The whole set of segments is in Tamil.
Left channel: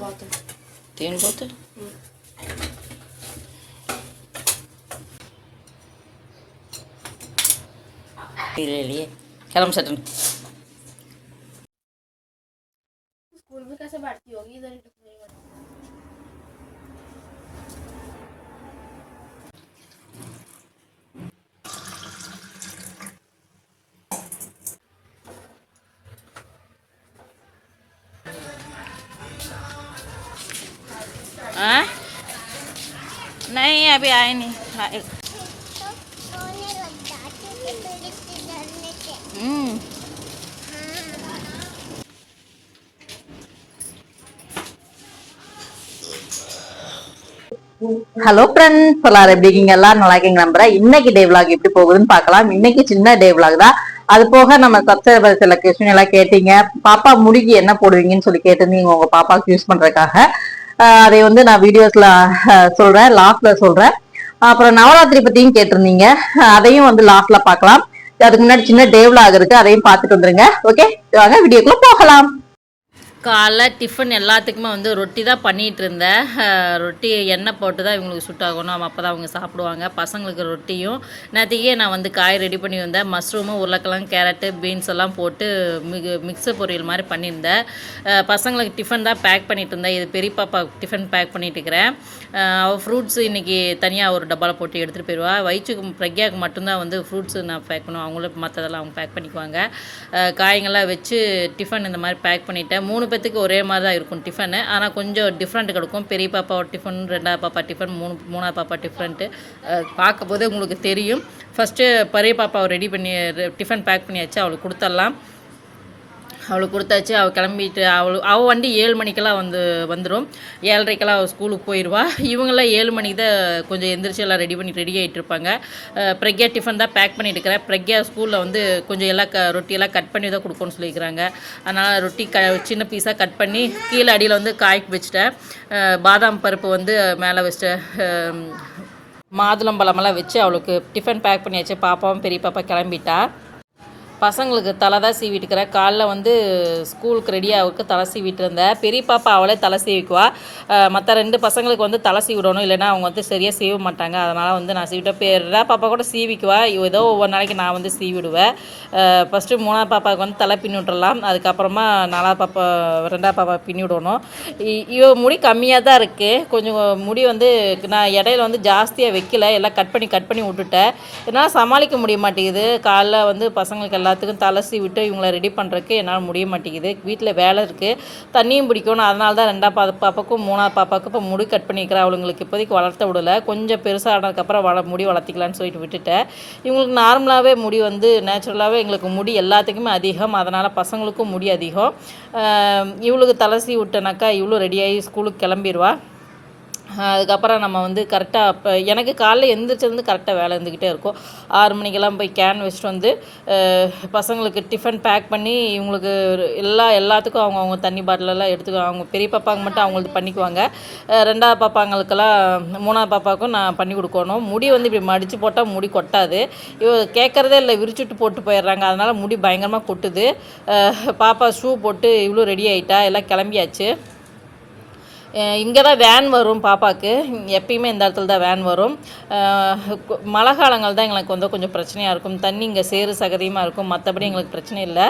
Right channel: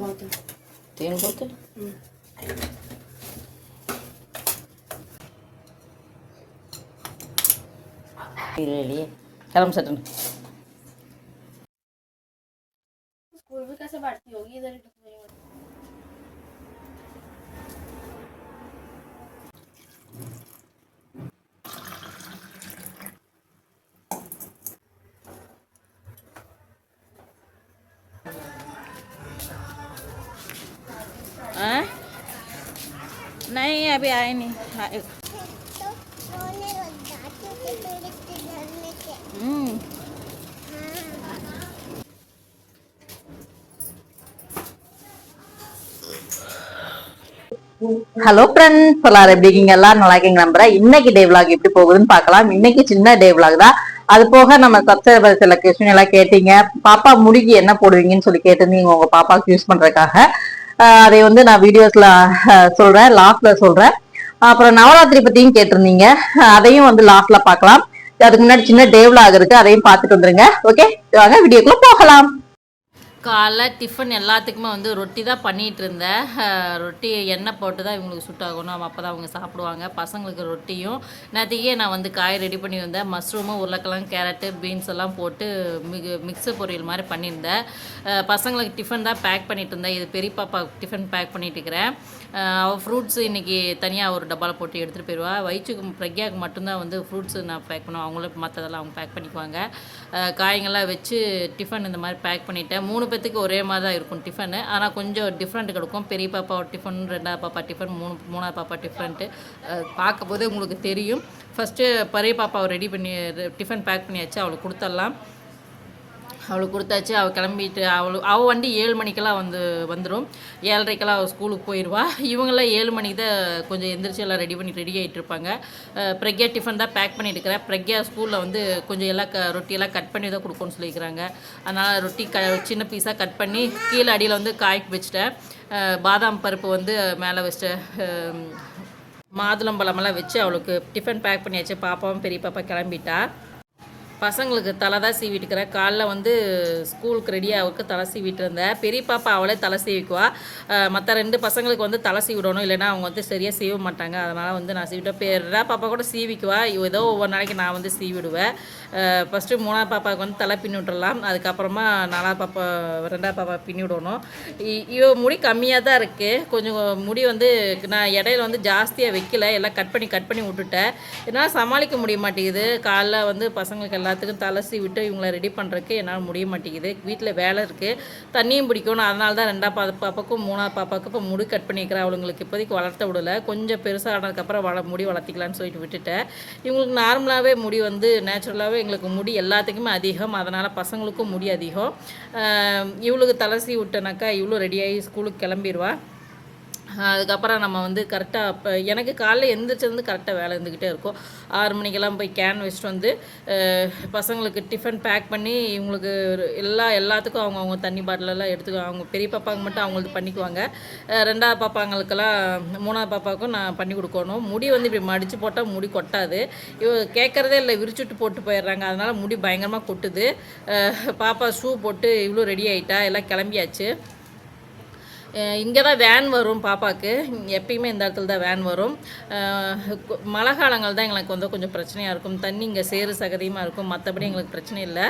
бата. Тин? Pilih lihat. Kalau satu. લાય નહીં હમ ஹலோ ஃப்ரெண்ட்ஸ் எல்லாரும் எப்படி இருக்கீங்க? எல்லாரும் நல்லா இருக்கீங்க நம்புறேன் இன்னைக்கு டே விளாக் எப்படி போகுதுன்னு பார்க்கலாம். இன்னைக்கு சின்ன டே விளாக் தான். அது போக நம்ம சப்ஸ்கிரைபர் சில கொஸ்டின் எல்லாம் கேட்டீங்க. பாப்பா முடிக்கு என்ன போடுவீங்கன்னு சொல்லி கேட்டிருந்தீங்க. உங்க பாப்பாவுக்கு யூஸ் பண்றதுக்காக. அதை வந்து நான் வீடியோஸ்ல சொல்றேன். லாஸ்ட்ல சொல்றேன். அப்புறம் நவராத்திரி பத்தியும் கேட்டிருந்தீங்க. அதையும் வந்து லாஸ்ட்ல பாக்கலாம் அதுக்கு முன்னாடி சின்ன டே இருக்கு. அதையும் பார்த்துட்டு வந்துருங்க. ஓகே வாங்க வீடியோக்குள்ள போகலாம். காலைல டிஃபன் எல்லாத்துக்குமே வந்து ரொட்டி தான் பண்ணிகிட்டு இருந்தேன் ரொட்டி எண்ணெய் போட்டு தான் இவங்களுக்கு சுட்டாகணும் அப்போ தான் அவங்க சாப்பிடுவாங்க. பசங்களுக்கு ரொட்டியும் நேற்றுக்கே நான் வந்து காய் ரெடி பண்ணி வந்தேன். மஷ்ரூமு உருளைக்கிழங்கு கேரட்டு பீன்ஸ் எல்லாம் போட்டு மிகு மிக்சர் பொரியல் மாதிரி பண்ணியிருந்தேன். பசங்களுக்கு டிஃபன் தான் பேக் பண்ணிட்டு இருந்தேன். இது பெரிய பாப்பா டிஃபன் பேக் பண்ணிட்டு இருக்கிறேன். அவள் ஃப்ரூட்ஸ் இன்றைக்கி தனியாக ஒரு டப்பாவில் போட்டு எடுத்துகிட்டு போயிடுவா வயிற்றுக்கு பிரக்யாவுக்கு மட்டும்தான் வந்து ஃப்ரூட்ஸ் நான் பேக் பண்ணுவேன். அவங்களும் மற்றதெல்லாம் அவங்க பேக் பண்ணிக்குவாங்க. அஹ் வச்சு டிஃபன் இந்த மாதிரி பேக் பண்ணிட்டேன். மூணு பேத்துக்கு ஒரே மாதிரி தான் இருக்கும் டிஃபனு ஆனால் கொஞ்சம் டிஃப்ரெண்ட் கிடைக்கும். பெரிய பாப்பாவோட டிஃபன் ரெண்டாவது பாப்பா டிஃபன் மூணு மூணாவது பாப்பா டிஃப்ரெண்ட்டு பார்க்கும்போது உங்களுக்கு தெரியும். ஃபஸ்ட்டு பெரிய பாப்பாவை ரெடி பண்ணி டிஃபன் பேக் பண்ணியாச்சு அவளுக்கு கொடுத்துடலாம். அவளுக்கு கொடுத்தாச்சு. அவள் கிளம்பிட்டு அவள் அவள் வண்டி ஏழு மணிக்கெல்லாம் வந்து வந்துடும் ஏழரைக்கெல்லாம் அவள் ஸ்கூலுக்கு போயிடுவா இவங்கெல்லாம் ஏழு மணிக்கு தான் கொஞ்சம் எந்திரிச்சு எல்லாம் ரெடி பண்ணி ரெடி ஆகிட்டு இருப்பாங்க. பிரக்யா டிஃபன் தான் பேக் பண்ணிட்டு இருக்கிறேன் பிரக்யா ஸ்கூலில் வந்து கொஞ்சம் எல்லாம் க ரொட்டியெல்லாம் கட் பண்ணி தான் கொடுக்கணும்னு சொல்லியிருக்கிறாங்க அதனால் ரொட்டி க சின்ன பீஸாக கட் பண்ணி கீழே அடியில் வந்து காய்க்கு வச்சுட்டேன். பாதாம் பருப்பு வந்து மேலே வச்சுட்டேன். மாதுளம்பழமெல்லாம் வச்சு அவளுக்கு டிஃபன் பேக் பண்ணியாச்சு பாப்பாவும் பெரிய பாப்பா கிளம்பிட்டா. பசங்களுக்கு தலை தான் சீவிட்டுக்கிறேன். காலைல வந்து ஸ்கூலுக்கு ரெடியாக அவருக்கு தலை சீவிட்டு இருந்தேன் பெரிய பாப்பா அவளே தலை சீவிக்குவா. மற்ற ரெண்டு பசங்களுக்கு வந்து தலை சீவிடணும். இல்லைன்னா அவங்க வந்து சரியாக சீவ மாட்டாங்க. அதனால் வந்து நான் சீவிட்டேன். பெரிய பாப்பா கூட சீவிக்குவா. இவ ஏதோ ஒவ்வொரு நாளைக்கு நான் வந்து சீவிடுவேன். ஃபஸ்ட்டு மூணாவது பாப்பாவுக்கு வந்து தலை பின்னி விட்டுறலாம். அதுக்கப்புறமா நாலாவது பாப்பா ரெண்டாவது பாப்பா பின்னி விடணும். இ- இவ முடி கம்மியாக தான் இருக்குது கொஞ்சம் முடி வந்து நான் இடையில வந்து ஜாஸ்தியாக வைக்கல. எல்லாம் கட் பண்ணி கட் பண்ணி விட்டுட்டேன். என்னால் சமாளிக்க முடிய மாட்டேங்குது. காலைல வந்து பசங்களுக்கு எல்லாம் எல்லாத்துக்கும் தலசி விட்டு இவங்கள ரெடி பண்ணுறதுக்கு என்னால் முடிய மாட்டேங்குது. வீட்டில் வேலை இருக்குது தண்ணியும் பிடிக்கணும். அதனால தான் ரெண்டாவது பா பாப்பாக்கும் மூணாவது பாப்பாவுக்கும் இப்போ முடி கட் பண்ணிக்கிறேன் அவளுங்களுக்கு இப்போதைக்கு வளர்த்த விடலை. கொஞ்சம் பெருசாக ஆனதுக்கப்புறம் வள முடி வளர்த்திக்கலான்னு சொல்லிட்டு விட்டுட்டேன். இவங்களுக்கு நார்மலாகவே முடி வந்து நேச்சுரலாகவே எங்களுக்கு முடி எல்லாத்துக்குமே அதிகம். அதனால் பசங்களுக்கும் முடி அதிகம். இவளுக்கு தலசி விட்டனாக்கா இவ்வளோ ரெடியாகி ஸ்கூலுக்கு கிளம்பிடுவா அதுக்கப்புறம் நம்ம வந்து கரெக்டாக இப்போ எனக்கு காலைல எழுந்திரிச்சிருந்து கரெக்டாக வேலை இருந்துக்கிட்டே இருக்கும். ஆறு மணிக்கெல்லாம் போய் கேன் வச்சுட்டு வந்து பசங்களுக்கு டிஃபன் பேக் பண்ணி இவங்களுக்கு எல்லா எல்லாத்துக்கும் அவங்க அவங்க தண்ணி பாட்டிலெல்லாம் எடுத்துக்கோ அவங்க பெரிய பாப்பாங்க மட்டும் அவங்களுக்கு பண்ணிக்குவாங்க. ரெண்டாவது பாப்பாங்களுக்கெல்லாம் மூணாவது பாப்பாவுக்கும் நான் பண்ணி கொடுக்கணும். முடி வந்து இப்படி மடித்து போட்டால் முடி கொட்டாது. இவ கேட்குறதே இல்லை விரிச்சுட்டு போட்டு போயிடுறாங்க. அதனால் முடி பயங்கரமாக கொட்டுது. பாப்பா ஷூ போட்டு இவ்வளோ ரெடி ஆகிட்டா எல்லாம் கிளம்பியாச்சு. இங்கே தான் வேன் வரும் பாப்பாவுக்கு எப்பயுமே இந்த இடத்துல தான் வேன் வரும். மழை காலங்கள் தான் எங்களுக்கு வந்து கொஞ்சம் பிரச்சனையாக இருக்கும். தண்ணி இங்கே சேறு சகதியமாக இருக்கும். மற்றபடி எங்களுக்கு பிரச்சனை இல்லை.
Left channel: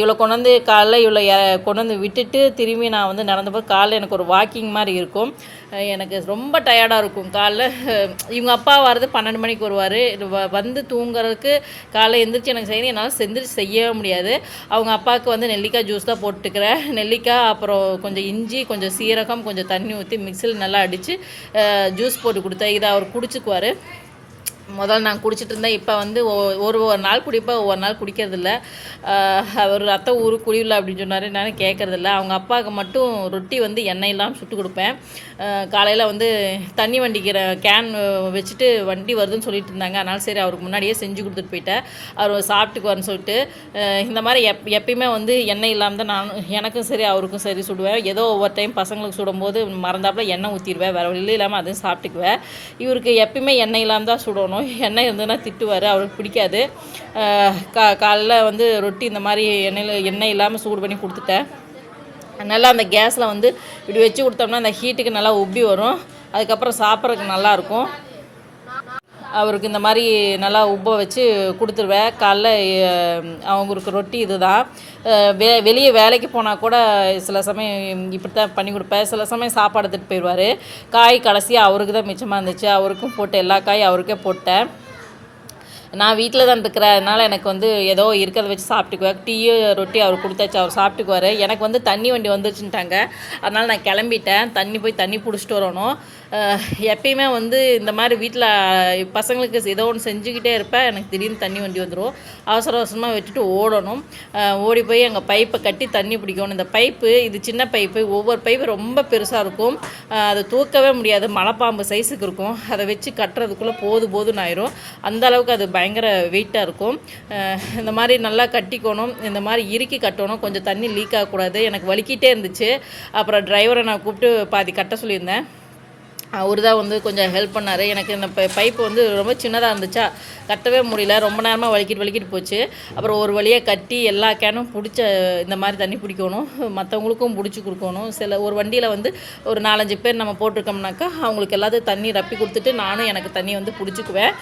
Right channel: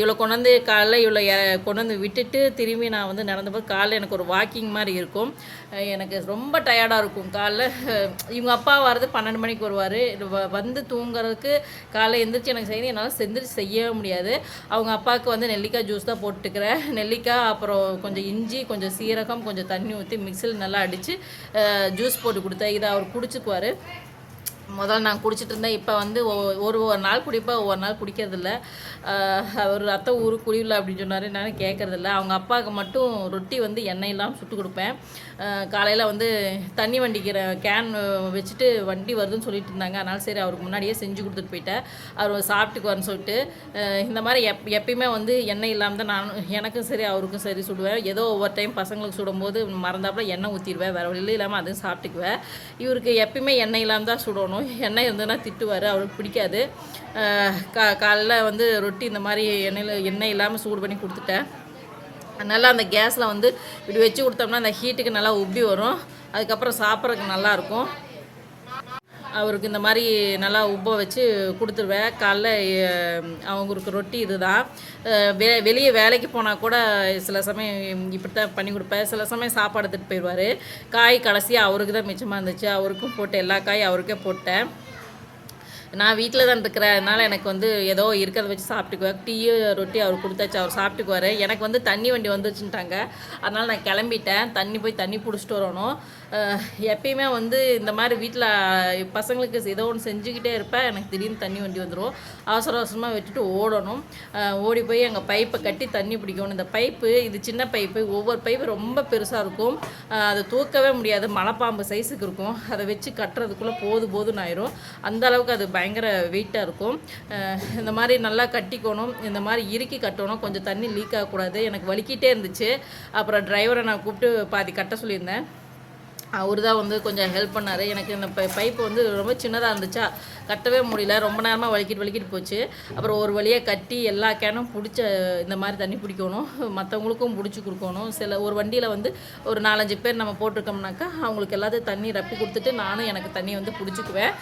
இவ்வளோ கொண்டு வந்து காலைல இவ்வளோ கொண்டு வந்து விட்டுட்டு திரும்பி நான் வந்து நடந்தபோது காலைல எனக்கு ஒரு வாக்கிங் மாதிரி இருக்கும். எனக்கு ரொம்ப டயர்டாக இருக்கும். காலைல இவங்க அப்பா வர்றது பன்னெண்டு மணிக்கு வருவார். வந்து தூங்குறதுக்கு காலைல எந்திரிச்சு எனக்கு செய்யணும். என்னால் செந்திரிச்சு செய்யவே முடியாது. அவங்க அப்பாவுக்கு வந்து நெல்லிக்காய் ஜூஸ் தான் போட்டுக்கிறேன். நெல்லிக்காய் அப்புறம் கொஞ்சம் இஞ்சி கொஞ்சம் சீரகம் கொஞ்சம் தண்ணி ஊற்றி மிக்சியில் நல்லா அடித்து ஜூஸ் போட்டு கொடுத்தேன். இதை அவர் குடிச்சுக்குவார். முதல்ல நான் குடிச்சிட்டு இருந்தேன். இப்போ வந்து ஒரு ஒரு நாள் குடிப்பேன். ஒவ்வொரு நாள் குடிக்கிறதில்ல. அவர் ரத்தம் ஊரு குழிவில் அப்படின்னு சொன்னார். நான் கேட்கறதில்ல அவங்க அப்பாவுக்கு மட்டும் ரொட்டி வந்து எண்ணெய் இல்லாமல் சுட்டு கொடுப்பேன். காலையில் வந்து தண்ணி வண்டிக்கிற கேன் வச்சுட்டு வண்டி வருதுன்னு சொல்லிட்டு இருந்தாங்க. அதனால சரி அவருக்கு முன்னாடியே செஞ்சு கொடுத்துட்டு போயிட்டேன். அவர் சாப்பிட்டுக்குவார்னு சொல்லிட்டு இந்த மாதிரி எப் எப்பயுமே வந்து எண்ணெய் இல்லாமல் தான் நான் எனக்கும் சரி அவருக்கும் சரி சுடுவேன். ஏதோ ஒவ்வொரு டைம் பசங்களுக்கு சுடும்போது மறந்தாப்புல எண்ணெய் ஊற்றிடுவேன் வேறு வழி இல்லாமல் அதையும் சாப்பிட்டுக்குவேன். இவருக்கு எப்பயுமே எண்ணெய் இல்லாமல் தான் சுடணும். எண்ணெய் இருந்ததுன்னா திட்டுவார். அவருக்கு பிடிக்காது. கா காலைல வந்து ரொட்டி இந்த மாதிரி எண்ணெயில் எண்ணெய் இல்லாமல் சூடு பண்ணி கொடுத்துட்டேன். நல்லா அந்த கேஸில் வந்து இப்படி வச்சு கொடுத்தோம்னா அந்த ஹீட்டுக்கு நல்லா உப்பி வரும். அதுக்கப்புறம் சாப்பிட்றதுக்கு நல்லாயிருக்கும் அவருக்கு இந்த மாதிரி நல்லா உப்ப வச்சு கொடுத்துருவேன். காலைல அவங்களுக்கு ரொட்டி இதுதான். தான் வெ வெளியே வேலைக்கு போனால் கூட சில சமயம் இப்படி தான் பண்ணி கொடுப்பேன். சில சமயம் சாப்பாடு எடுத்துகிட்டு போயிடுவார். காய் கடைசியாக அவருக்கு தான் மிச்சமாக இருந்துச்சு. அவருக்கும் போட்டு எல்லா காயும் அவருக்கே போட்டேன். நான் வீட்டில் தான் இருக்கிறதுனால எனக்கு வந்து ஏதோ இருக்கிறத வச்சு சாப்பிட்டுக்குவேன். டீயோ ரொட்டி அவர் கொடுத்தாச்சு அவர் சாப்பிட்டுக்குவார். எனக்கு வந்து தண்ணி வண்டி வந்துச்சுட்டாங்க அதனால் நான் கிளம்பிட்டேன். தண்ணி போய் தண்ணி பிடிச்சிட்டு வரணும். எப்பயுமே வந்து இந்த மாதிரி வீட்டில் பசங்களுக்கு ஏதோ ஒன்று செஞ்சுக்கிட்டே இருப்பேன் எனக்கு திடீர்னு தண்ணி வண்டி வந்துடும் அவசர அவசரமாக விட்டுட்டு ஓடணும். ஓடி போய் எங்கள் பைப்பை கட்டி தண்ணி பிடிக்கணும். இந்த பைப்பு இது சின்ன பைப்பு ஒவ்வொரு பைப்பு ரொம்ப பெருசாக இருக்கும். அதை தூக்கவே முடியாது. மலைப்பாம்பு சைஸுக்கு இருக்கும். அதை வச்சு கட்டுறதுக்குள்ளே போது போதுன்னு ஆயிரும். அந்த அளவுக்கு அது பயங்கர வெயிட்டாக இருக்கும். இந்த மாதிரி நல்லா கட்டிக்கணும். இந்த மாதிரி இறுக்கி கட்டணும். கொஞ்சம் தண்ணி லீக் ஆகக்கூடாது. எனக்கு வலிக்கிட்டே இருந்துச்சு. அப்புறம் டிரைவரை நான் கூப்பிட்டு பாதி கட்ட சொல்லியிருந்தேன். அவர் தான் வந்து கொஞ்சம் ஹெல்ப் பண்ணார். எனக்கு இந்த பை பைப்பு வந்து ரொம்ப சின்னதாக இருந்துச்சா கட்டவே முடியல. ரொம்ப நேரமாக வலிக்கிட்டு வலிக்கிட்டு போச்சு. அப்புறம் ஒரு வழியாக கட்டி எல்லா கேனும் பிடிச்ச இந்த மாதிரி தண்ணி பிடிக்கணும். மற்றவங்களுக்கும் பிடிச்சி கொடுக்கணும். சில ஒரு வண்டியில் வந்து ஒரு நாலஞ்சு பேர் நம்ம போட்டிருக்கோம்னாக்கா அவங்களுக்கு எல்லாத்தையும் தண்ணி ரப்பி கொடுத்துட்டு நானும் எனக்கு தண்ணி வந்து பிடிச்சிக்குவேன்.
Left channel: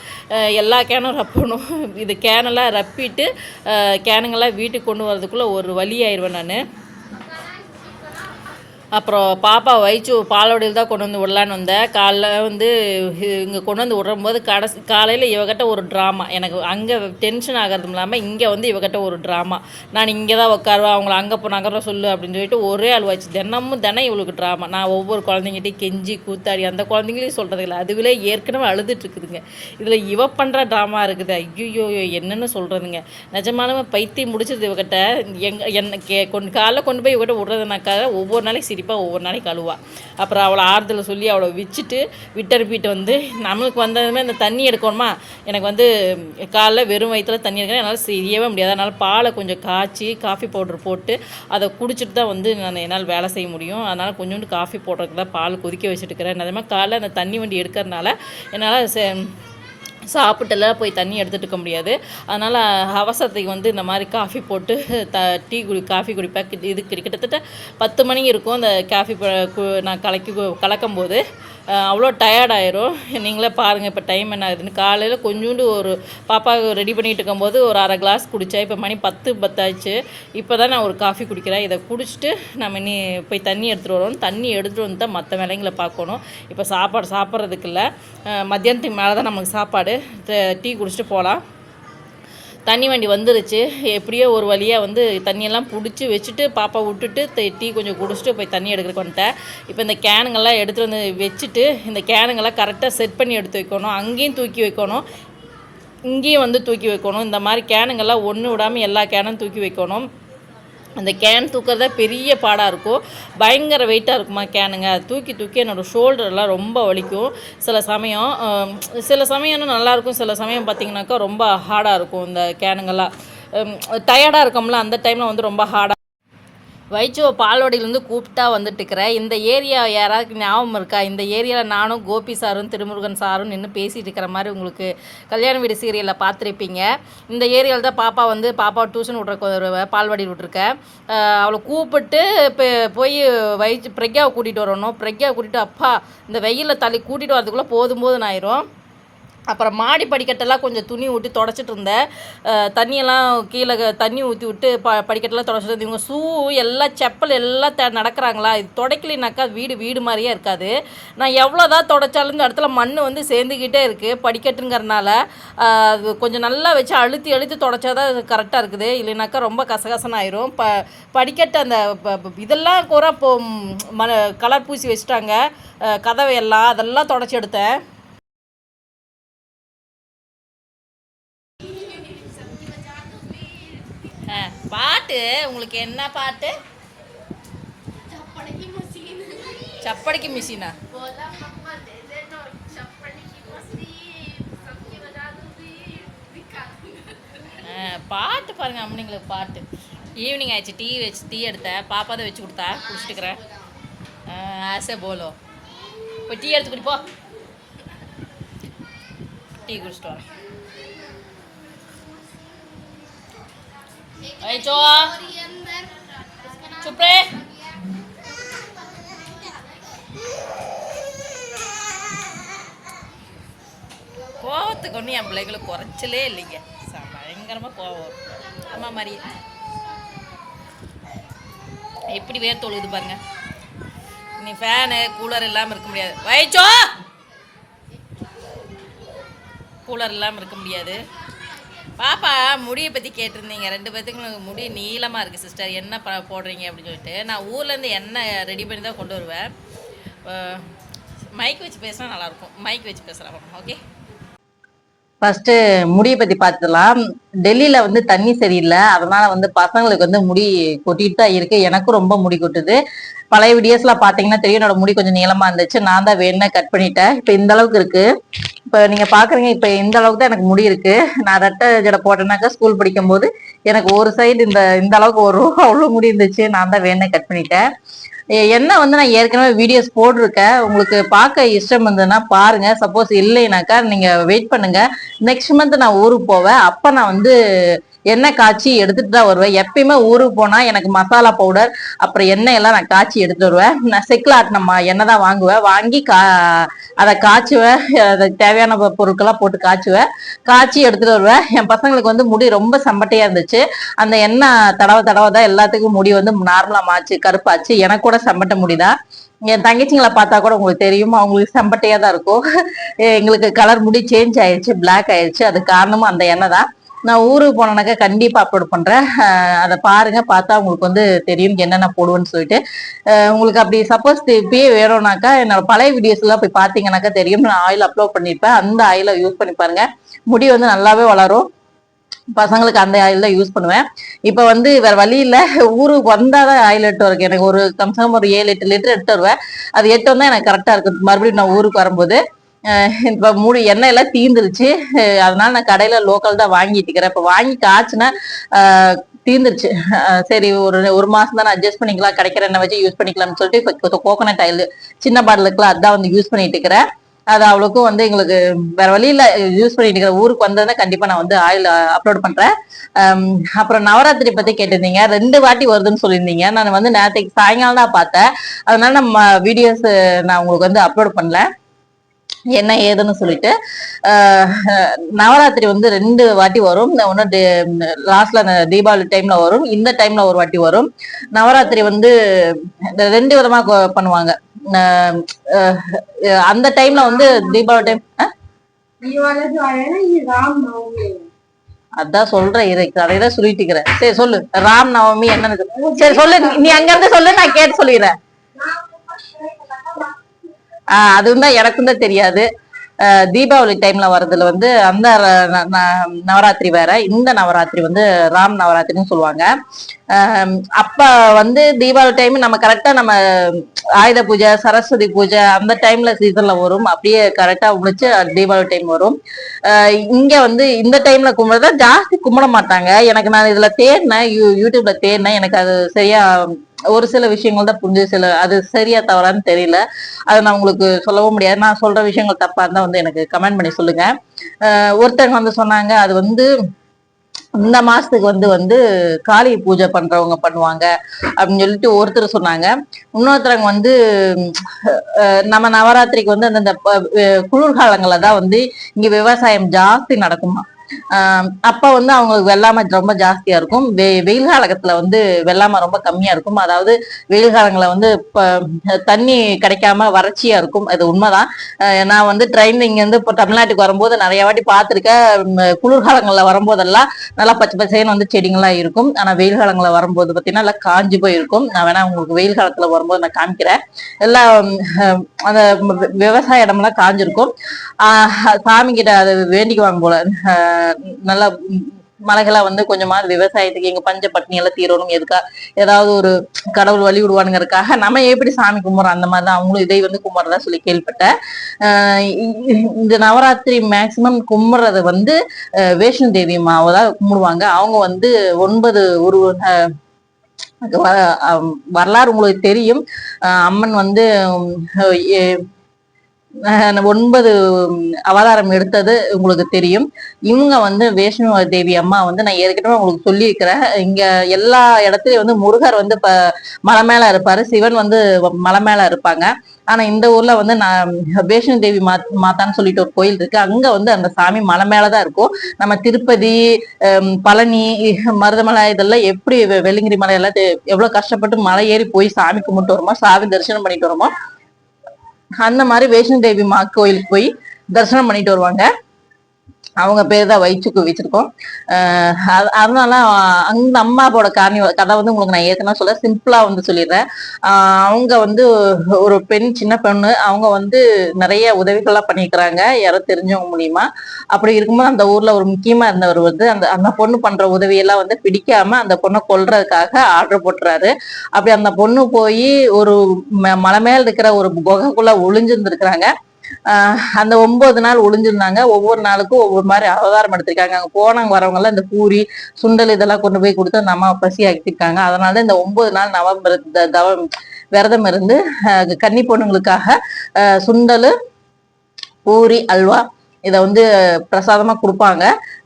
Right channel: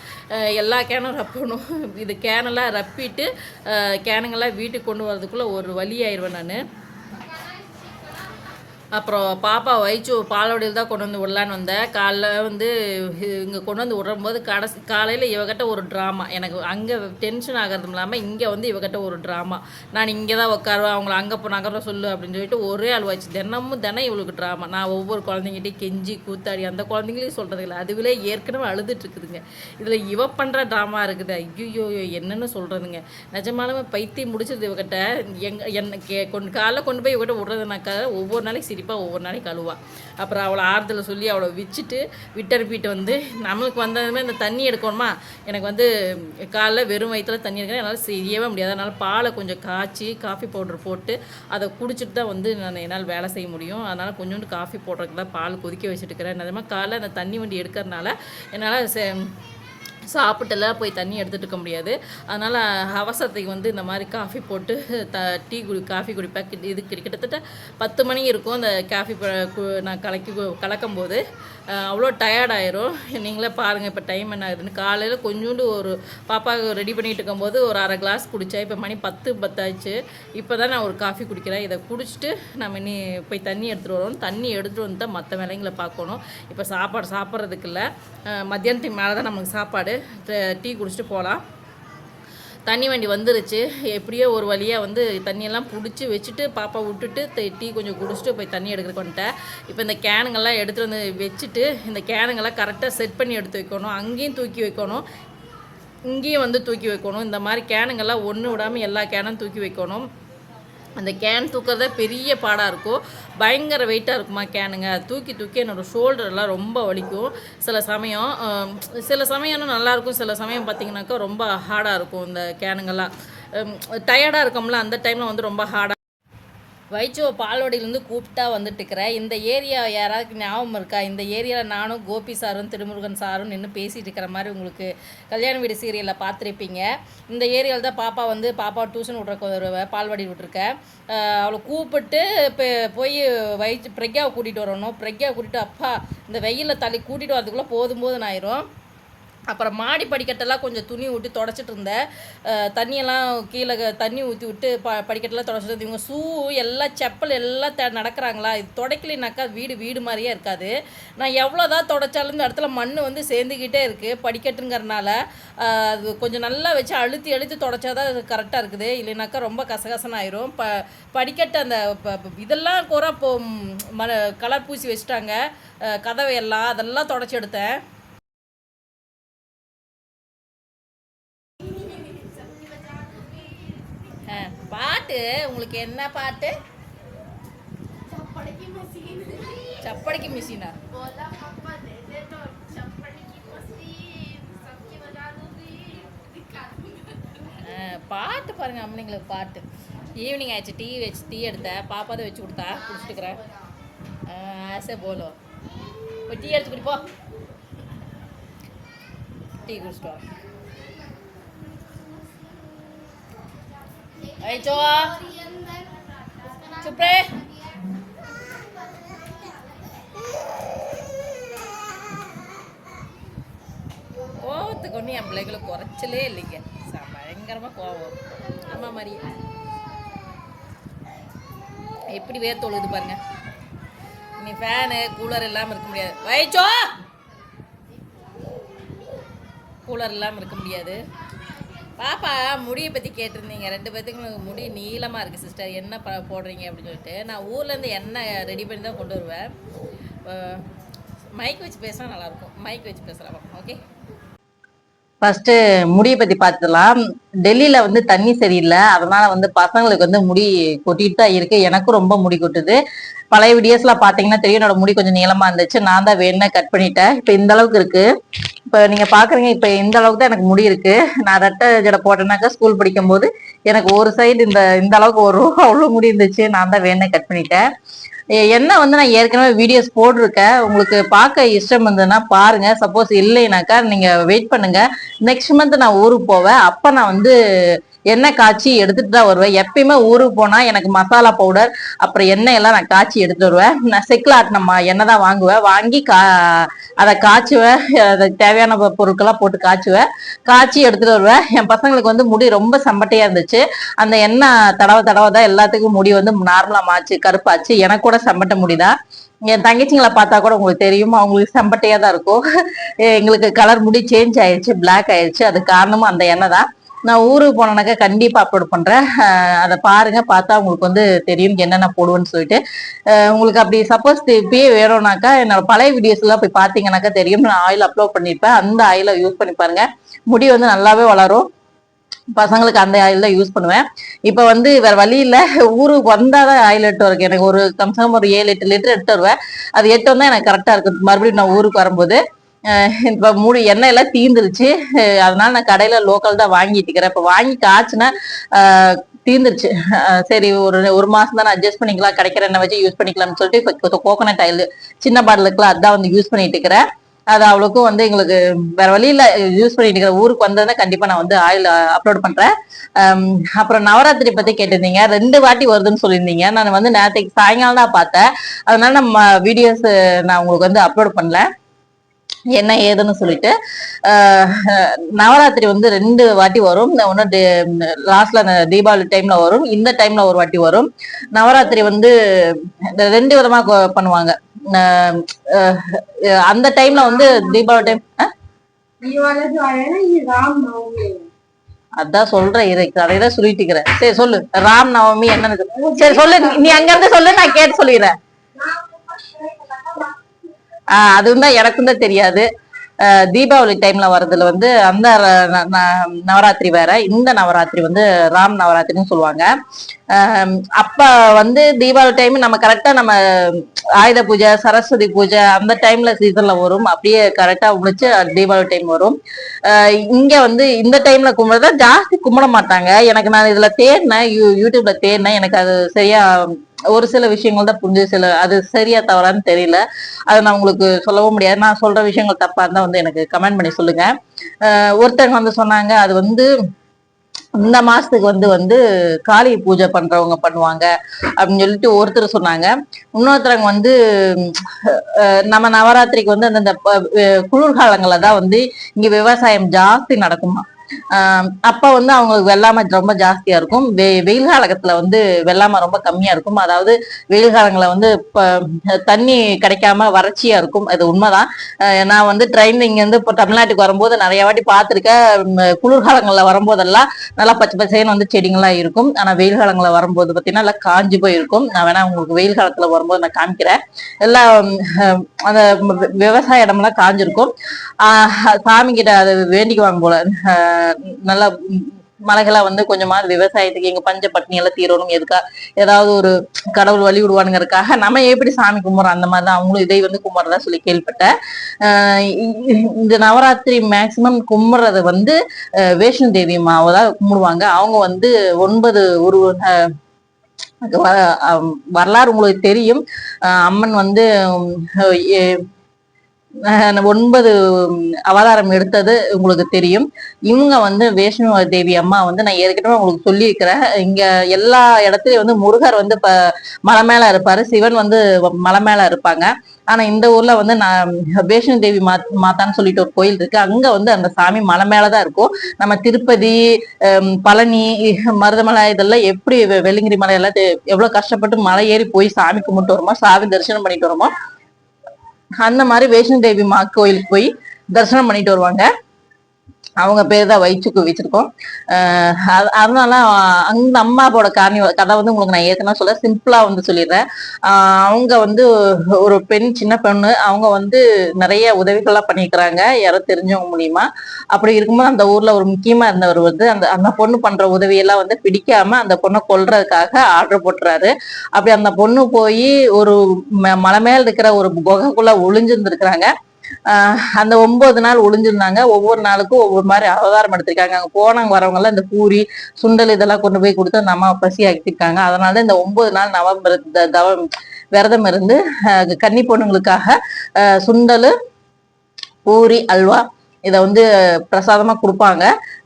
எல்லா கேனும் ரப்பணும். இது கேனெல்லாம் ரப்பிட்டு அஹ் கேனுங்கெல்லாம் வீட்டுக்கு கொண்டு வரதுக்குள்ளே ஒரு வழி ஆயிடுவேன் நான். அப்புறம் பாப்பா வயிற்று பாலோடையில் தான் கொண்டு வந்து விடலான்னு வந்தேன் காலைல வந்து இங்கே கொண்டு வந்து விடும்போது கடைசி காலையில் இவகிட்ட ஒரு ட்ராமா எனக்கு அங்கே டென்ஷன் ஆகிறதும் இல்லாமல் இங்கே வந்து இவகிட்ட ஒரு ட்ராமா நான் இங்கே தான் உட்காருவேன் அவங்கள அங்கே போ நகர சொல்லு அப்படின்னு சொல்லிட்டு ஒரே ஆள் வச்சு தினமும் தினம் இவளுக்கு ட்ராமா நான் ஒவ்வொரு குழந்தைங்கிட்டையும் கெஞ்சி கூத்தாடி அந்த குழந்தைங்களையும் சொல்கிறது இல்லை. அதுவிலே ஏற்கனவே அழுதுட்டு இருக்குதுங்க. இதில் இவ பண்ணுற ட்ராமா இருக்குது. ஐயோ என்னென்னு சொல்கிறதுங்க நிஜமாலுமே பைத்தியம் முடிச்சது இவகிட்ட. எங் என்ன கே கொண்டு காலைல கொண்டு போய் இவகிட்ட விட்றதுனாக்கா ஒவ்வொரு நாளைக்கு சிரிப்பாக ஒவ்வொரு நாளைக்கு அழுவாள் அப்புறம் அவளை ஆறுதலை சொல்லி அவளை வச்சுட்டு விட்டனுப்பிட்டு வந்து நம்மளுக்கு வந்ததுமே இந்த தண்ணி எடுக்கணுமா? எனக்கு வந்து காலைல வெறும் வயிற்றில் தண்ணி எடுக்கணும் என்னால் செய்யவே முடியாது. அதனால் பாலை கொஞ்சம் காய்ச்சி காஃபி பவுடர் போட்டு அதை குடிச்சிட்டு தான் வந்து நான் என்னால் வேலை செய்ய முடியும். அதனால் கொஞ்சோண்டு காஃபி போடுறதுக்கு தான் பால் கொதிக்க வச்சுட்டு இருக்கிறேன் அதே மாதிரி காலைல அந்த தண்ணி வண்டி எடுக்கிறதுனால என்னால் சாப்பிட்டுலாம் போய் தண்ணி எடுத்துட்டுக்க இருக்க முடியாது. அதனால் அவசரத்துக்கு வந்து இந்த மாதிரி காஃபி போட்டு த டீ குடி காஃபி குடிப்பேன். இது கிட்ட- கிட்டத்தட்ட பத்து மணி இருக்கும். அந்த காஃபி நான் கலக்கி கலக்கும்போது. கலக்கும் போது அவ்வளோ டயர்ட் ஆயிரும். நீங்களே பாருங்கள் இப்போ டைம் என்ன ஆகுதுன்னு. காலையில் கொஞ்சோண்டு ஒரு பாப்பா ரெடி பண்ணிகிட்டு இருக்கும்போது ஒரு அரை கிளாஸ் குடித்தேன் இப்போ மணி பத்து பத்தாச்சு. இப்போ தான் நான் ஒரு காஃபி குடிக்கிறேன். இதை குடிச்சிட்டு நம்ம இனி போய் தண்ணி எடுத்துகிட்டு வரணும் தண்ணி எடுத்துகிட்டு வந்து தான் மற்ற வேலைங்களை பார்க்கணும். இப்போ சாப்பாடு சாப்பிட்றதுக்கு இல்லை. மத்தியானத்துக்கு மேலே தான் நமக்கு சாப்பாடு. டீ குடிச்சிட்டு போகலாம் தண்ணி வண்டி வந்துருச்சு. எப்படியோ ஒரு வழியாக வந்து தண்ணியெல்லாம் பிடிச்சி வச்சுட்டு பாப்பா விட்டுட்டு டீ கொஞ்சம் குடிச்சிட்டு போய் தண்ணி எடுக்கிறக்கு வந்துட்டேன். இப்போ இந்த கேனுங்கெல்லாம் எடுத்துகிட்டு வந்து வச்சுட்டு இந்த கேனுங்கெல்லாம் கரெக்டாக செட் பண்ணி எடுத்து வைக்கணும். அங்கேயும் தூக்கி வைக்கணும். இங்கேயும் வந்து தூக்கி வைக்கணும். இந்த மாதிரி கேனுங்கெல்லாம் ஒன்று விடாமல் எல்லா கேனும் தூக்கி வைக்கணும். அந்த கேன் தூக்கிறத பெரிய பாடாக இருக்கும். பயங்கர வெயிட்டாக இருக்குமா கேனுங்க அது தூக்கி தூக்கி என்னோடய ஷோல்டர்லாம் ரொம்ப வலிக்கும். சில சமயம் சில சமயம் நல்லாயிருக்கும் சில சமயம் பார்த்திங்கனாக்கா ரொம்ப ஹார்டாக இருக்கும் இந்த கேனுங்கெல்லாம் டயர்டாக இருக்கோம்ல அந்த டைமில் வந்து ரொம்ப ஹார்டாக வைச்சுவ பால்வாடியிலேருந்து கூப்பிட்டா வந்துட்டு இருக்கிறேன் இந்த ஏரியா யாராவது ஞாபகம் இருக்கா? இந்த ஏரியாவில் நானும் கோபி சாரும் திருமுருகன் சாரும் நின்று பேசிகிட்டு இருக்கிற மாதிரி உங்களுக்கு கல்யாண வீடு சீரியலில் பார்த்துருப்பீங்க. இந்த ஏரியாவில் தான் பாப்பா வந்து பாப்பா டியூஷன் விட்ற பால்வாடி விட்ருக்கேன் அவளை கூப்பிட்டு இப்போ போய் வைச்சு பிரக்யாவை கூட்டிகிட்டு வரணும். பிரக்யாவை கூட்டிகிட்டு அப்பா இந்த வெயிலில் தள்ளி கூட்டிகிட்டு வரதுக்குள்ளே போதும் போதுன்னு ஆயிரும் அப்புறம் மாடி படிக்கட்டெல்லாம் கொஞ்சம் துணி விட்டு தொடச்சிட்டு இருந்தேன். தண்ணியெல்லாம் கீழே தண்ணி ஊற்றி விட்டு ப படிக்கட்டெல்லாம் தொடச்சிட்டு இருந்தேன். இவங்க ஷூ எல்லாம் செப்பல் எல்லாம் த நடக்கிறாங்களா? இது தொடக்கலைனாக்கா வீடு வீடு மாதிரியே இருக்காது. நான் எவ்வளோ தான் தொடச்சாலும் இந்த இடத்துல மண் வந்து சேர்ந்துக்கிட்டே இருக்குது படிக்கட்டுங்கிறனால. அது கொஞ்சம் நல்லா வச்சு அழுத்தி அழுத்தி தொடச்சா தான் அது கரெக்டாக இருக்குது. இல்லைனாக்கா ரொம்ப கசகசன்னு ஆயிரும் ப படிக்கட்டு அந்த ப- இதெல்லாம் கூட இப்போ ம கலர் பூசி வச்சுட்டாங்க. கதவை எல்லாம் அதெல்லாம் தொடச்சி எடுத்தேன். பாட்டு உங்களுக்கு என்ன பாட்டு? சப்படிக்கு மிஷினா பாட்டு பாருங்க அம்மனிங்களுக்கு பாட்டு. ஈவினிங் ஆயிடுச்சு டீ வச்சு டீ எடுத்தேன் பாப்பா தான் வச்சு கொடுத்தா குடிச்சிட்டுக்கிறேன் ஆசை போலோ. இப்போ டீ எடுத்து குடிப்போ. டீ குடிச்சிட்டு Vai, Joa. Chupre. கோவத்துக்கு ஒன்றும் என் பிள்ளைகளுக்கு குறைச்சலே இல்லைங்க. பயங்கரமாக கோவம் அம்மா மாதிரி. எப்படி வேர் தொழுது பாருங்க. நீ ஃபேனு கூலர் இல்லாமல் இருக்க முடியாது. வயிச்சோ! கூலர் இல்லாமல் இருக்க முடியாது. பாப்பா முடியை பற்றி கேட்டிருந்தீங்க. ரெண்டு பேத்துக்கும் முடி நீளமாக இருக்குது சிஸ்டர் என்ன ப போடுறீங்க அப்படின்னு சொல்லிட்டு. நான் ஊர்லேருந்து எண்ணெய் ரெடி பண்ணி தான் கொண்டு வருவேன். மைக் வச்சு பேசினா நல்லாயிருக்கும் மைக் வச்சு பேசலாம். ஓகே ஃபர்ஸ்ட் முடியை பத்தி பார்த்துலாம் டெல்லியில வந்து தண்ணி சரியில்லை. அதனால வந்து பசங்களுக்கு வந்து முடி கொட்டிட்டு தான் இருக்கு. எனக்கும் ரொம்ப முடி கொட்டுது. பழைய வீடியோஸ்ல பாத்தீங்கன்னா தெரியும். என்னோட முடி கொஞ்சம் நீளமா இருந்துச்சு. நான் தான் வேணும்னா கட் பண்ணிட்டேன். இப்ப இந்த அளவுக்கு இருக்கு. இப்ப நீங்க பாக்குறீங்க இப்ப இந்த அளவுக்கு தான் எனக்கு முடி இருக்கு. நான் ரெட்டை ஜடை போட்டேனாக்கா ஸ்கூல் படிக்கும் போது எனக்கு ஒரு சைடு இந்த இந்த அளவுக்கு வரும் அவ்வளவு முடி இருந்துச்சு. நான் தான் வேணே கட் பண்ணிட்டேன். என்ன வந்து நான் ஏற்கனவே வீடியோஸ் போட்டிருக்கேன். உங்களுக்கு பார்க்க இஷ்டம் இருந்ததுன்னா பாருங்க. சப்போஸ் இல்லைனாக்கா நீங்க வெயிட் பண்ணுங்க. நெக்ஸ்ட் மந்த் நான் ஊருக்கு போவேன். அப்ப நான் வந்து எண்ணெய் காய்ச்சி எடுத்துட்டு தான் வருவேன். எப்பயுமே ஊருக்கு போனால் எனக்கு மசாலா பவுடர் அப்புறம் எண்ணெய் எல்லாம் நான் காய்ச்சி எடுத்துட்டு வருவேன். நான் செக்கில் ஆட்டின எண்ணெய் தான் வாங்குவேன். வாங்கி கா அதை காய்ச்சுவேன். அதுக்கு தேவையான பொருட்கள்லாம் போட்டு காய்ச்சுவேன். காய்ச்சி எடுத்துட்டு வருவேன். என் பசங்களுக்கு வந்து முடி ரொம்ப சம்பட்டையாக இருந்துச்சு. அந்த எண்ணெய் தடவை தடவை தான் எல்லாத்துக்கும் முடி வந்து நார்மலாக மாச்சு கருப்பாச்சு. எனக்கு கூட சம்பட்ட முடிதான். என் தங்கச்சிங்களை பார்த்தா கூட உங்களுக்கு தெரியும். அவங்களுக்கு செம்பட்டையா தான் இருக்கும். எங்களுக்கு கலர் முடி சேஞ்ச் ஆயிடுச்சு பிளாக் ஆயிடுச்சு அது காரணமும் அந்த எண்ணெய் தான். நான் ஊருக்கு போனேனாக்கா கண்டிப்பாக அப்லோட் பண்ணுறேன் அதை பாருங்கள் பார்த்தா உங்களுக்கு வந்து தெரியும் என்னென்ன போடுவேன்னு சொல்லிட்டு. உங்களுக்கு அப்படி சப்போஸ் இப்பயே வேணும்னாக்கா என்னோட பழைய வீடியோஸ்லாம் போய் பார்த்தீங்கன்னாக்கா தெரியும். நான் ஆயில் அப்லோட் பண்ணியிருப்பேன். அந்த ஆயிலை யூஸ் பண்ணி பாருங்கள் முடி வந்து நல்லாவே வளரும். பசங்களுக்கு அந்த ஆயில் தான் யூஸ் பண்ணுவேன். இப்போ வந்து வேற வழி இல்லை. ஊருக்கு வந்தால் தான் ஆயில் எடுத்து வரக்கு எனக்கு ஒரு கம்சம் ஒரு ஏழு எட்டு லிட்டர் எடுத்து வருவேன். அது எட்டு வந்தால் எனக்கு கரெக்டாக இருக்கு மறுபடியும் நான் ஊருக்கு வரும்போது இப்ப மூணு எண்ணெய் எல்லாம் தீந்துருச்சு அதனால நான் கடையில லோக்கல் தான் வாங்கிட்டு இருக்கிறேன். இப்ப வாங்கி காய்ச்சினா தீர்ந்துருச்சு சரி ஒரு ஒரு மாசம் தான் அட்ஜஸ்ட் பண்ணிக்கலாம். கிடைக்கிற எண்ணெய் வச்சு யூஸ் பண்ணிக்கலாம்னு சொல்லிட்டு கோகோனட் ஆயில் சின்ன பாட்டிலுக்குலாம் அதான் வந்து யூஸ் பண்ணிட்டு இருக்கிறேன். அது அவ்வளோக்கும் வந்து எங்களுக்கு வேற வழியில யூஸ் பண்ணிட்டு இருக்கிற ஊருக்கு வந்ததுன்னா கண்டிப்பா நான் வந்து ஆயில் அப்லோட் பண்றேன். அப்புறம் நவராத்திரி பத்தி கேட்டிருந்தீங்க. ரெண்டு வாட்டி வருதுன்னு சொல்லியிருந்தீங்க. நான் வந்து நேரத்துக்கு சாயங்காலம் தான் பார்த்தேன். அதனால நம்ம வீடியோஸ் நான் உங்களுக்கு வந்து அப்லோட் பண்ணல. என்ன ஏதுன்னு சொல்லிட்டு ஆஹ் நவராத்திரி வந்து ரெண்டு வாட்டி வரும். ஒன்று லாஸ்ட்ல தீபாவளி டைம்ல வரும். இந்த டைம்ல ஒரு வாட்டி வரும். நவராத்திரி வந்து ரெண்டு விதமா பண்ணுவாங்க. அந்த டைம்ல வந்து தீபாவளி டைம் அதான் சொல்றேன் இரு கதையதான் சொல்லிட்டு இருக்கிறேன். சரி சொல்லு. ராம் நவமி என்னன்னு சரி சொல்லு. நீ- அங்க இருந்து சொல்லு நான் கேட்டு சொல்லிடுறேன். அதுவும் தான் எனக்கும் தான் தெரியாது தீபாவளி டைம்ல வர்றதுல வந்து அந்த ந- ந- நவராத்திரி வேற இந்த நவராத்திரி வந்து ராம் நவராத்திரின்னு சொல்லுவாங்க அப்ப வந்து தீபாவளி டைம் நம்ம கரெக்டா நம்ம ஆயுத பூஜை சரஸ்வதி பூஜை அந்த டைம்ல சீசன்ல வரும் அப்படியே கரெக்டா முடிச்சு தீபாவளி டைம் வரும் இங்க வந்து இந்த டைம்ல கும்பிடுறதா ஜாஸ்தி கும்பிட மாட்டாங்க எனக்கு நான் இதுல தேடினேன் யூ- யூடியூப்ல தேடினேன் எனக்கு அது சரியா ஒரு சில விஷயங்கள் தான் புரிஞ்சு சில அது சரியா தவறான்னு தெரியல. அதை நான் உங்களுக்கு சொல்லவும் முடியாது. நான் சொல்ற விஷயங்கள் தப்பா இருந்தா வந்து எனக்கு கமெண்ட் பண்ணி சொல்லுங்க. ஆஹ் ஒருத்தங்க வந்து சொன்னாங்க அது வந்து இந்த மாசத்துக்கு வந்து வந்து காளி பூஜை பண்றவங்க பண்ணுவாங்க அப்படின்னு சொல்லிட்டு ஒருத்தர் சொன்னாங்க. இன்னொருத்தவங்க வந்து நம்ம நவராத்திரிக்கு வந்து அந்தந்த ப- குளிர்காலங்கள்ல தான் வந்து இங்க விவசாயம் ஜாஸ்தி நடக்குமா? அப்ப வந்து அவங்களுக்கு வெள்ளாமை ரொம்ப ஜாஸ்தியா இருக்கும். வெ வெயில் காலத்துல வந்து வெள்ளாமை ரொம்ப கம்மியா இருக்கும். அதாவது வெயில் காலங்களில் வந்து தண்ணி கிடைக்காம வறட்சியா இருக்கும். அது உண்மைதான். ஆஹ் நான் வந்து ட்ரெயின்ல இங்கேருந்து இப்போ தமிழ்நாட்டுக்கு வரும்போது நிறைய வாட்டி பார்த்திருக்கேன். குளிர்காலங்களில் வரும்போதெல்லாம் நல்லா பச்சை பச்சைன்னு வந்து செடிங்கெல்லாம் இருக்கும். ஆனா வெயில் காலங்களில் வரும்போது பார்த்தீங்கன்னா நல்லா காஞ்சு போயிருக்கும். நான் வேணா உங்களுக்கு வெயில் காலத்துல வரும்போது நான் காமிக்கிறேன். எல்லாம் அந்த விவசாய இடம்லாம் காஞ்சிருக்கும். ஆஹ் சாமி கிட்ட அதை வேண்டிக்குவாங்க போல. நல்லா மலைகளா வந்து கொஞ்சமாவது விவசாயத்துக்கு எங்க பஞ்ச பட்டினி எல்லாம் தீரணும் எதுக்கா ஏதாவது ஒரு கடவுள் வழி விடுவானுங்கிறதுக்காக நம்ம எப்படி சாமி கும்பிட்றோம் அந்த மாதிரி தான் அவங்களும் இதை வந்து கும்பிட்றதா சொல்லி கேள்விப்பட்டேன். ஆஹ் இந்த நவராத்திரி மேக்சிமம் கும்பிட்றது வந்து ஆஹ் தேவி மாவை தான் கும்பிடுவாங்க. அவங்க வந்து ஒன்பது ஒரு வரலாறு உங்களுக்கு தெரியும். அம்மன் வந்து ஒன்பது அவதாரம் எடுத்தது உங்களுக்கு தெரியும். இவங்க வந்து வைஷ்ணவ தேவி அம்மா வந்து நான் ஏற்கனவே உங்களுக்கு சொல்லியிருக்கிறேன். இங்க எல்லா இடத்துலயும் வந்து முருகர் வந்து இப்ப மலை மேல இருப்பாரு. சிவன் வந்து மலை மேல இருப்பாங்க. ஆனா இந்த ஊர்ல வந்து நான் வைஷ்ணவ தேவி மா மாதான்னு சொல்லிட்டு ஒரு கோயில் இருக்கு. அங்க வந்து அந்த சாமி மலை மேலதான் இருக்கும். நம்ம திருப்பதி பழனி மருதமலை இதெல்லாம் எப்படி வெள்ளிங்கிரி மலை எல்லாம் எவ்வளவு கஷ்டப்பட்டு மலை ஏறி போய் சாமி கும்பிட்டு வருமோ சாமி தரிசனம் பண்ணிட்டு வருமோ அந்த மாதிரி வைஷ்ணவ தேவி மா கோயிலுக்கு போய் தரிசனம் பண்ணிட்டு வருவாங்க. அவங்க பேர் தான் வயிற்றுக்கு வச்சிருக்கோம் அது- அதனால அந்த அம்மாவோட காரணி கதை வந்து உங்களுக்கு நான் ஏற்கனவே சொல்ல சிம்பிளா வந்து சொல்லிடுறேன். அவங்க வந்து ஒரு பெண் சின்ன பெண்ணு அவங்க வந்து நிறைய உதவிகள்லாம் பண்ணியிருக்கிறாங்க யாரோ தெரிஞ்சவங்க மூலியமா. அப்படி இருக்கும்போது அந்த ஊர்ல ஒரு முக்கியமா இருந்தவர் வந்து அந்த அந்த பொண்ணு பண்ற உதவியெல்லாம் வந்து பிடிக்காம அந்த பொண்ணை கொல்றதுக்காக ஆர்டர் போட்டுறாரு. அப்படி அந்த பொண்ணு போய் ஒரு ம- மலை மேல இருக்கிற ஒரு குகைக்குள்ள ஒளிஞ்சிருந்துருக்கிறாங்க. அந்த ஒன்பது நாள் ஒளிஞ்சிருந்தாங்க. ஒவ்வொரு நாளுக்கும் ஒவ்வொரு மாதிரி அவதாரம் எடுத்திருக்காங்க. அங்க போனவங்க வரவங்க எல்லாம் இந்த பூரி சுண்டல் இதெல்லாம் கொண்டு போய் கொடுத்து அந்த அம்மா பசி ஆக்கியிருக்காங்க அதனால இந்த ஒன்பது நாள் நவம்பர் தவம் விரதம் இருந்து கன்னி பொண்ணுங்களுக்காக சுண்டல் பூரி அல்வா இதை வந்து பிரசாதமா கொடுப்பாங்க.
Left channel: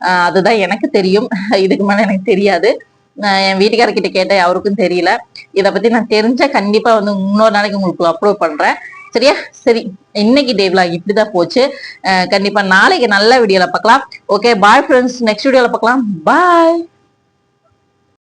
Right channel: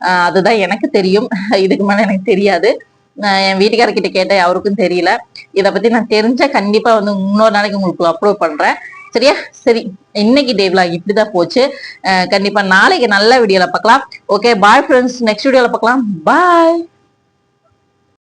ஆஹ் அதுதான் எனக்கு தெரியும். இதுக்கு மேல எனக்கு தெரியாது. நான் என் வீட்டுக்காரர்கிட்ட கேட்டேன் அவருக்கும் தெரியல. இதை பத்தி நான் தெரிஞ்சா கண்டிப்பா வந்து இன்னொரு நாளைக்கு உங்களுக்கு அப்லோட் பண்றேன். சரியா? சரி இன்னைக்கு டே இப்படிதான் போச்சு. கண்டிப்பா நாளைக்கு நல்ல வீடியோல பார்க்கலாம். ஓகே பாய் ஃப்ரெண்ட்ஸ் நெக்ஸ்ட் வீடியோல பார்க்கலாம். பாய்